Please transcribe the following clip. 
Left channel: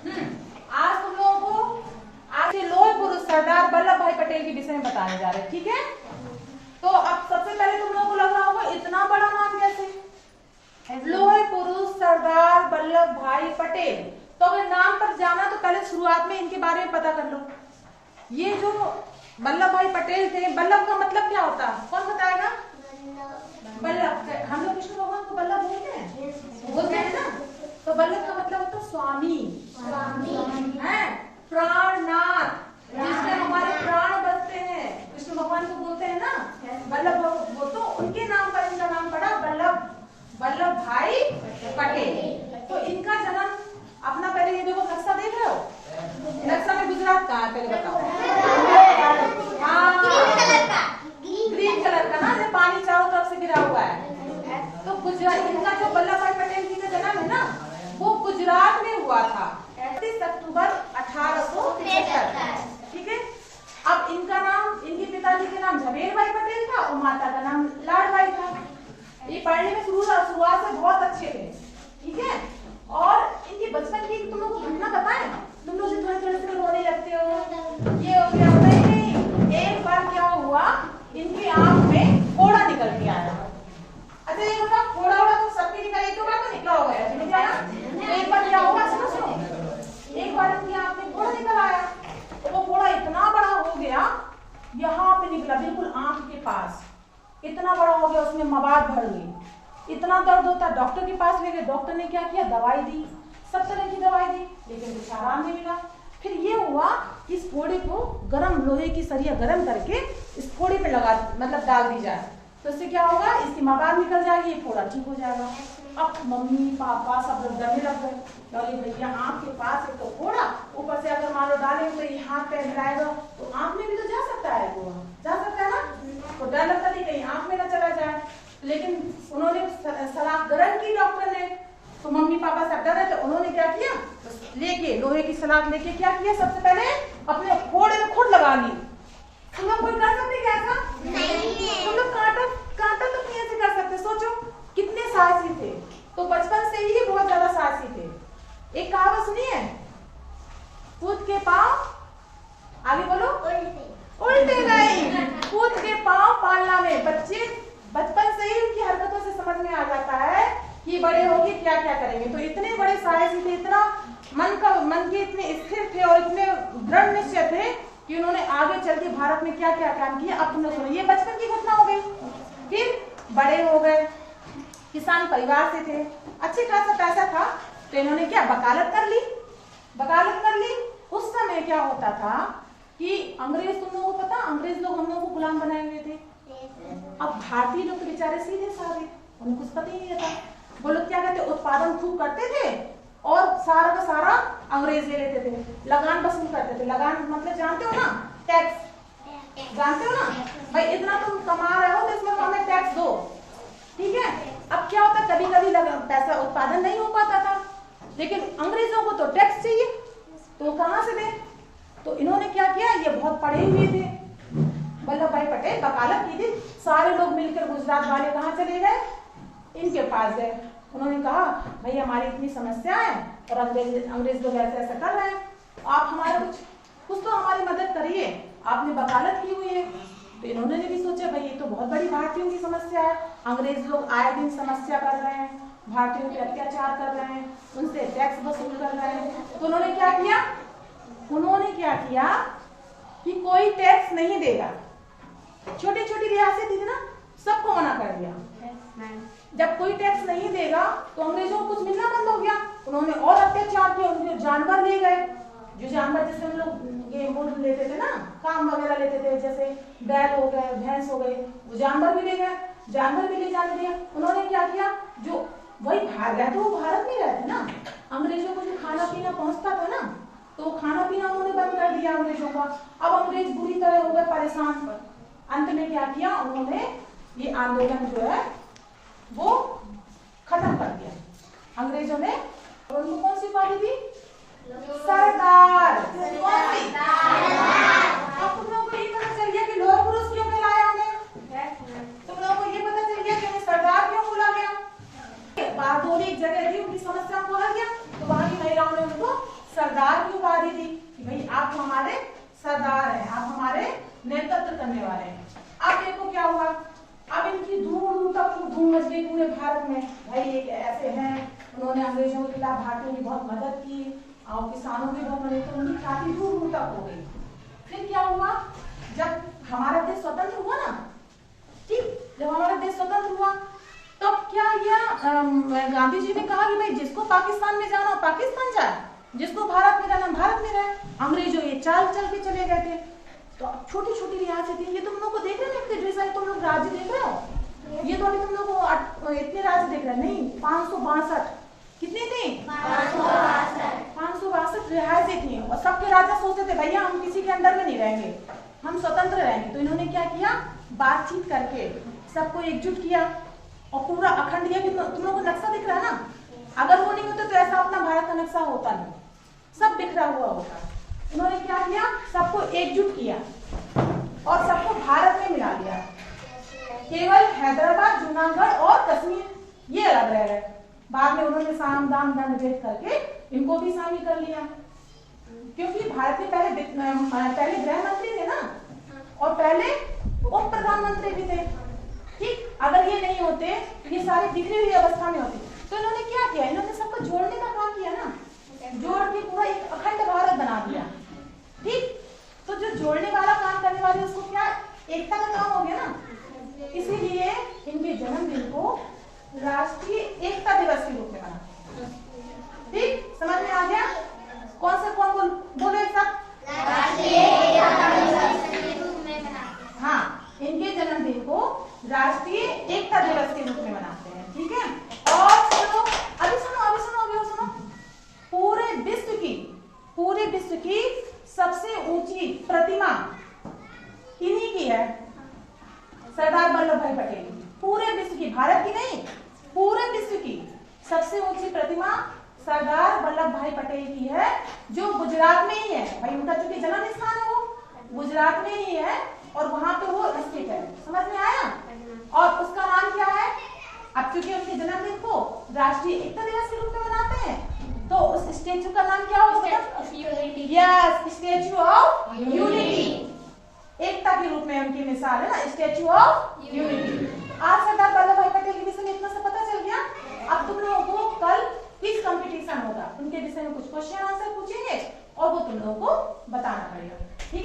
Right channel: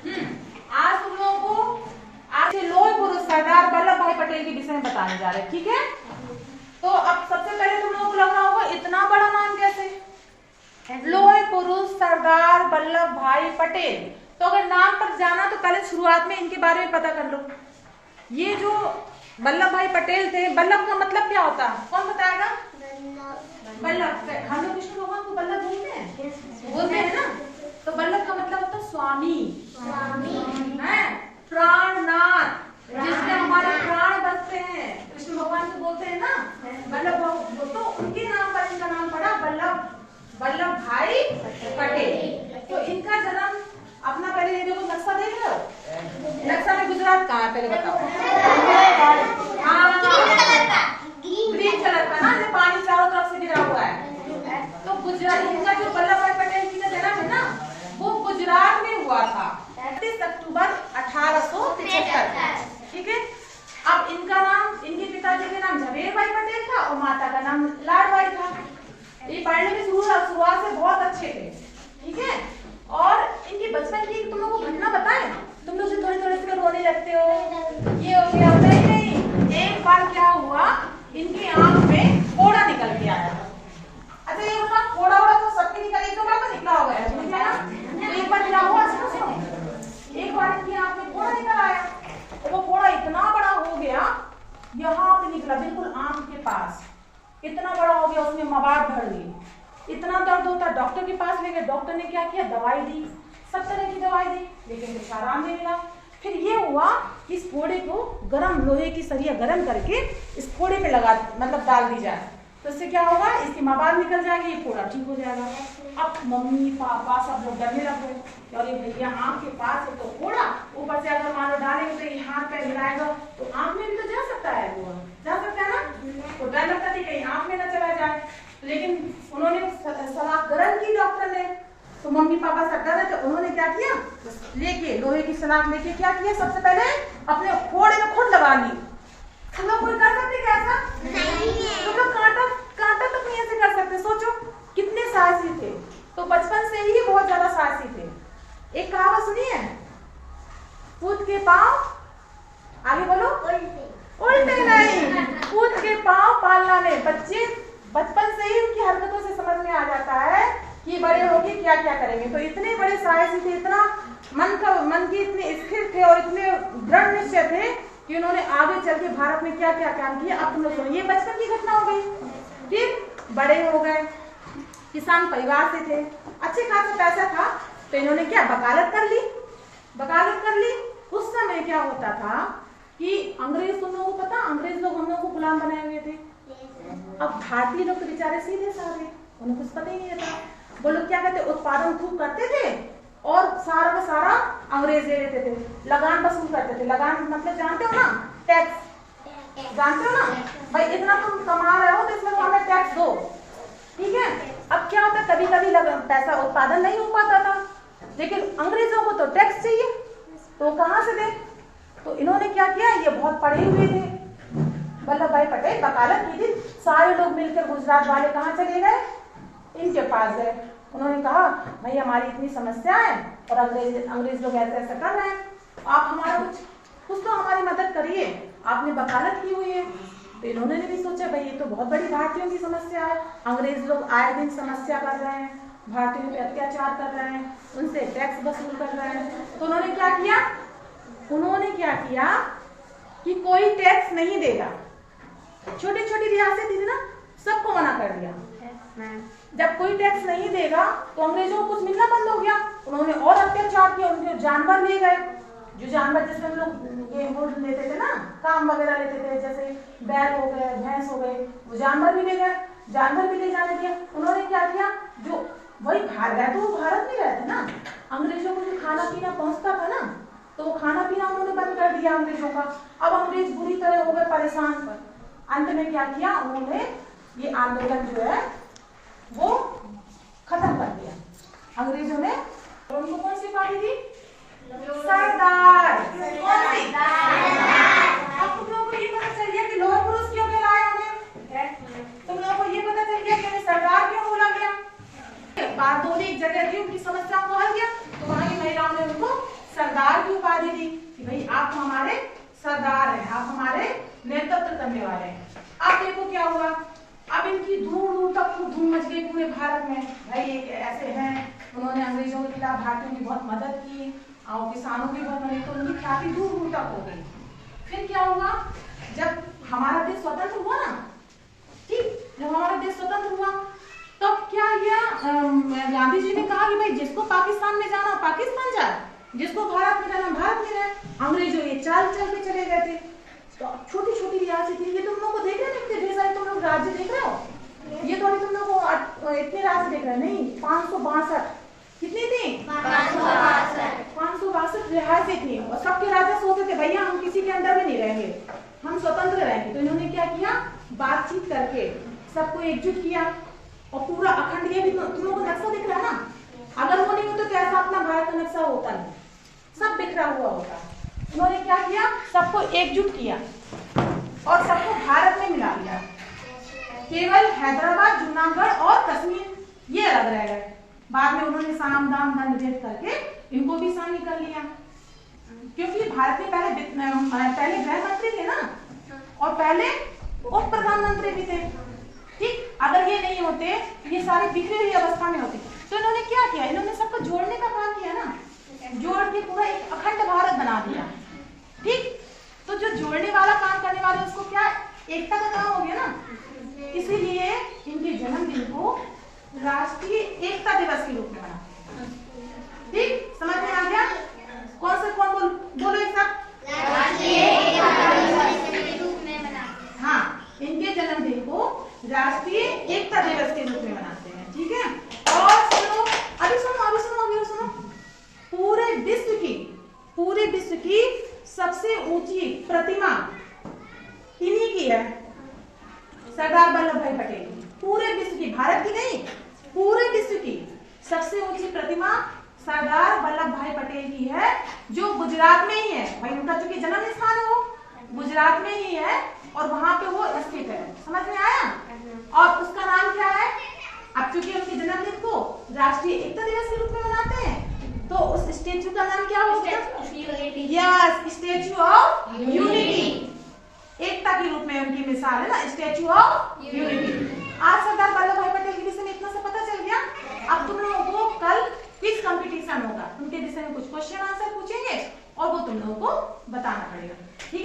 आज तुम लोगों को आज लोह पुरुष सरदार वल्लभ भाई पटेल के विषय में बताने जा रहे हैं, ठीक है। तो अब सबसे पहले तुम लोगों को लग रहा होगा इतना बड़ा नाम कैसे, लोह पुरुष सरदार वल्लभ भाई पटेल। तो अगर नाम पर जाना तो पहले शुरुआत में इनके बारे में पता कर लो। ये जो वल्लभ भाई पटेल थे, वल्लभ का मतलब क्या होता है, कौन बताएगा? वल्लभ, हम लोग विष्णु भगवान को वल्लभ बोलते हैं ना। तो वल्लभ का मतलब होता है स्वामी, है प्राणनाथ, जिससे हमारे प्राण बसते हैं, विष्णु भगवान को बोलते हैं ना वल्लभ। तो उनके नाम पर इनका नाम पड़ा वल्लभ भाई पटेल। तो इनका जन्म अपना, पहले ये देखो नक्शा देख रहे हो, नक्शा में गुजरात कहाँ है पहले बताओ? ग्रीन कलर का ना, जो पानी चारों तरफ से गिरा हुआ है। तो गुजरात, इनका जो वल्लभ भाई पटेल जी का जन्म है ना, वो गुजरात में हुआ था 31 अक्टूबर 1873, ठीक है। अब इनका नाम, इनके पिताजी का नाम झवेर भाई पटेल था और माता का नाम लाडबाई था। ये पढ़ने में शुरुआत से बहुत अच्छे थे, ठीक है। और इनकी बचपन की तुम लोग को घटना बताएं, तुम लोग से थोड़े से रोने लगते हो, ये हो गया। नहीं, एक बार क्या हुआ, इनकी आंख में फोड़ा निकल के आया। अच्छा, ये उनका फोड़ा तो सबके निकल, एक बार तो निकला होगा, निकल आया। तो एक बार क्या हुआ, सुनो, एक बार इनकी आंख में फोड़ा निकल आया। तो वो फोड़ा इतना बड़ा हो गया, यहाँ पे निकला बिल्कुल आंख के पास, इतना बड़ा हो गया, उसमें मवाद भर गई। इतना दर्द होता, डॉक्टर के पास ले गए। डॉक्टर ने क्या किया, दवाई दी, सब तरह की दवाई दी, लेकिन कुछ आराम नहीं मिला। फिर ये हुआ कि इस फोड़े को गरम, लोहे की सरिया गरम करके इस फोड़े पे लगा, मतलब डाल दी जाए, तो इससे क्या होगा, इसकी मवाद निकल जाएगी, ये फोड़ा ठीक हो जाएगा। अब मम्मी पापा सब लोग डरने लग गए, अरे भैया आंख के पास है तो फोड़ा, ऊपर से अगर मान लो डालेंगे तो ये हाथ पैर हिलाएगा तो आंख में भी तो जा सकता है, वो जा सकता है ना। तो डर लगता था कहीं आंख में ना चला जाए, लेकिन उन्होंने सलाह गरम की डॉक्टर ने। तो मम्मी पापा सब डर रहे थे, उन्होंने क्या किया, लेके लोहे की सलाख लेके क्या किया, सबसे पहले अपने फोड़े में खुद लगा ली। तुम लोग कोई कर सकते क्या ऐसा? नहीं। तुम लोग कांटा तो नहीं ऐसे कर सकते, सोचो कितने साहसी थे। तो बचपन से ही बहुत ज्यादा साहसी थे। एक कहावत सुनी है, कूद के पांव, आगे बोलो, उल्टे नहीं, कूद के पांव पालना में। बच्चे बचपन से ही उनकी हरकतों से समझ में आ जाता है कि बड़े होके क्या क्या करेंगे। तो इतने बड़े साहसी थे, इतना मन के इतने स्थिर थे और इतने दृढ़ निश्चय थे कि उन्होंने आगे चल के भारत में क्या क्या काम किया। अब तुम लोग सुनो, ये बचपन की घटना हो गई। फिर बड़े हो गए, किसान परिवार से थे, अच्छे खासा पैसा था, तो इन्होंने क्या, वकालत कर ली। उस समय क्या होता था कि अंग्रेज, तुम लोगों को पता, अंग्रेज लोग हम लोग को गुलाम बनाए हुए थे। अब भारतीय लोग तो बेचारे सीधे साधे, उन्हें कुछ पता ही नहीं रहता। वो लोग क्या करते, उत्पादन खूब करते थे और सारा का सारा अंग्रेज ले लेते थे, लगान वसूल करते थे। लगान मतलब जानते हो ना, टैक्स, जानते हो ना भाई, इतना तुम कमा रहे हो तो इसमें हमें टैक्स दो, ठीक है। अब क्या होता, कभी कभी पैसा उत्पादन नहीं हो पाता था, लेकिन अंग्रेजों को तो टैक्स चाहिए, तो कहाँ से दे। तो इन्होंने क्या किया, ये बहुत पढ़े हुए थे, वल्लभ भाई पटेल वकालत की थी। सारे लोग मिलकर गुजरात वाले कहाँ चले गए, इनके पास गए। उन्होंने कहा, भाई हमारी इतनी समस्या है और अंग्रेज लोग ऐसे ऐसा कर रहे हैं, आप हमारा कुछ तो हमारी मदद करिए, आपने वकालत की हुई है। तो इन्होंने भी सोचा, भाई ये तो बहुत बड़ी भारतीयों की समस्या है, अंग्रेज लोग आए दिन समस्या कर रहे हैं, भारतीयों पे अत्याचार कर रहे हैं, उनसे टैक्स वसूल कर रहे हैं। तो उन्होंने क्या किया कि कोई टैक्स नहीं देगा। छोटी छोटी रियासत थी ना, सबको मना कर दिया। जब कोई टैक्स नहीं देगा तो अंग्रेजों को कुछ मिलना बंद हो गया। उन्होंने और अत्याचार किया, उनके जानवर ले गए, जो जानवर जैसे हम लोग ये वो लेते थे ना, काम वगैरह लेते थे, जैसे बैल हो गए, भैंस हो गए, वो जानवर भी ले गए, जानवर भी ले जाने दिया। उन्होंने क्या किया, जो वही तो वो भारत में रहते ना, अंग्रेजों को जो खाना पीना पहुंचता था ना, तो वो खाना पीना उन्होंने बंद कर दिया अंग्रेजों का। अब अंग्रेज बुरी तरह हो गए परेशान। अंत में क्या किया, उन्होंने ये आंदोलन जो है वो खत्म कर दिया अंग्रेजों ने। और उनको कौन सी उपाधि दी, सरदार। अब तुम लोगों को ये पता चल गया कि लोह पुरुष क्यों कहलाए उन्हें, तुम लोगों को ये पता चल गया कि सरदार क्यों जगह थी, उनकी समस्या को हल किया, तो वहां की महिलाओं ने उनको सरदार की उपाधि दी कि भाई आप हमारे सरदार हैं, आप हमारे नेतृत्व करने वाले हैं। अब देखो क्या हुआ, अब इनकी दूर दूर तक धूम मच गई पूरे भारत में, भाई एक ऐसे हैं उन्होंने अंग्रेजों के खिलाफ भारतीयों की बहुत मदद की और किसानों की बहुत मदद, तो उनकी ख्याति दूर दूर तक हो गई। फिर क्या हुआ, जब हमारा देश स्वतंत्र हुआ ना, ठीक, जब हमारा देश स्वतंत्र हुआ तब क्या किया, गांधी जी ने कहा कि भाई जिसको पाकिस्तान में जाना पाकिस्तान जाए, जिसको भारत में जाना भारत में रहे। अंग्रेजों ये चाल चल के चले गए थे। तो छोटी छोटी रियासत थी, ये तुम लोग को देख रहे हो कितने ढेर सारे तुम लोग राज्य देख रहे हो, ये तो अभी तुम लोग को इतने राज्य देख रहे हो, नहीं 562 कितनी थी, 562 रियासत थी। और सबके राजा सोचते थे भैया हम किसी के अंडर में नहीं रहेंगे, हम स्वतंत्र रहेंगे। तो इन्होंने क्या किया, बातचीत करके सबको एकजुट किया और पूरा अखंड, ये भी तुम लोगों को नक्शा दिख रहा है ना, अगर वो नहीं होता तो ऐसा अपना भारत का नक्शा होता नहीं, सब बिखरा हुआ होता। उन्होंने क्या किया, सबको एकजुट किया और सबको भारत में मिला दिया। केवल हैदराबाद, जूनागढ़ और कश्मीर ये अलग रह गए। बाद में उन्होंने साम दाम दंड भेद करके इनको भी शामिल कर लिया, क्योंकि भारत में पहले गृह मंत्री थे ना, और पहले उप प्रधानमंत्री भी थे। ठीक, अगर ये नहीं होते ये सारे बिखरी हुई अवस्था में होते। तो इन्होंने क्या किया, इन्होंने सबको जोड़ने का काम किया ना, जोड़ के पूरा एक अखंड भारत बना दिया। ठीक, तो जो जोड़ने वाला काम करने वाले उसको क्या, एकता का काम हो गया ना। इसीलिए इनके जन्मदिन को राष्ट्रीय एकता दिवस के रूप में मनाते हैं। ठीक, समझ में आ गया, कौन सा कौन बोलो एक साथ, राष्ट्रीय एकता दिवस के रूप में मनाते हैं। हाँ, इनके जन्मदिन को राष्ट्रीय एकता दिवस के रूप में मनाते हैं। ठीक है, और सुनो अभी सुनो, पूरे विश्व की सबसे ऊंची प्रतिमा इन्हीं की है, सरदार वल्लभ भाई पटेल की। पूरे विश्व की, भारत की नहीं, पूरे विश्व की सबसे ऊंची प्रतिमा सरदार वल्लभ भाई पटेल की है, जो गुजरात में ही है। भाई उनका चूंकि जन्म स्थान है वो गुजरात में ही है और वहां पे वो स्थित है। समझ में आया, और उसका नाम क्या है। अब चूंकि उनके जन्मदिन को राष्ट्रीय एकता दिवस के रूप में मनाते हैं, तो उस स्टेच्यू का नाम क्या होगा, यस, स्टेच्यू ऑफ यूनिटी। एकता के रूप में उनकी मिसाल है ना, स्टेच्यू ऑफ यूनिटी। आज सरदार वल्लभ भाई पटेल के विषय में इतना सा पता चल गया। अब तुम लोगों को कल क्विज कंपटीशन होगा, उनके विषय में कुछ क्वेश्चन आंसर पूछेंगे और वो तुम लोगों को बताना पड़ेगा। ठीक।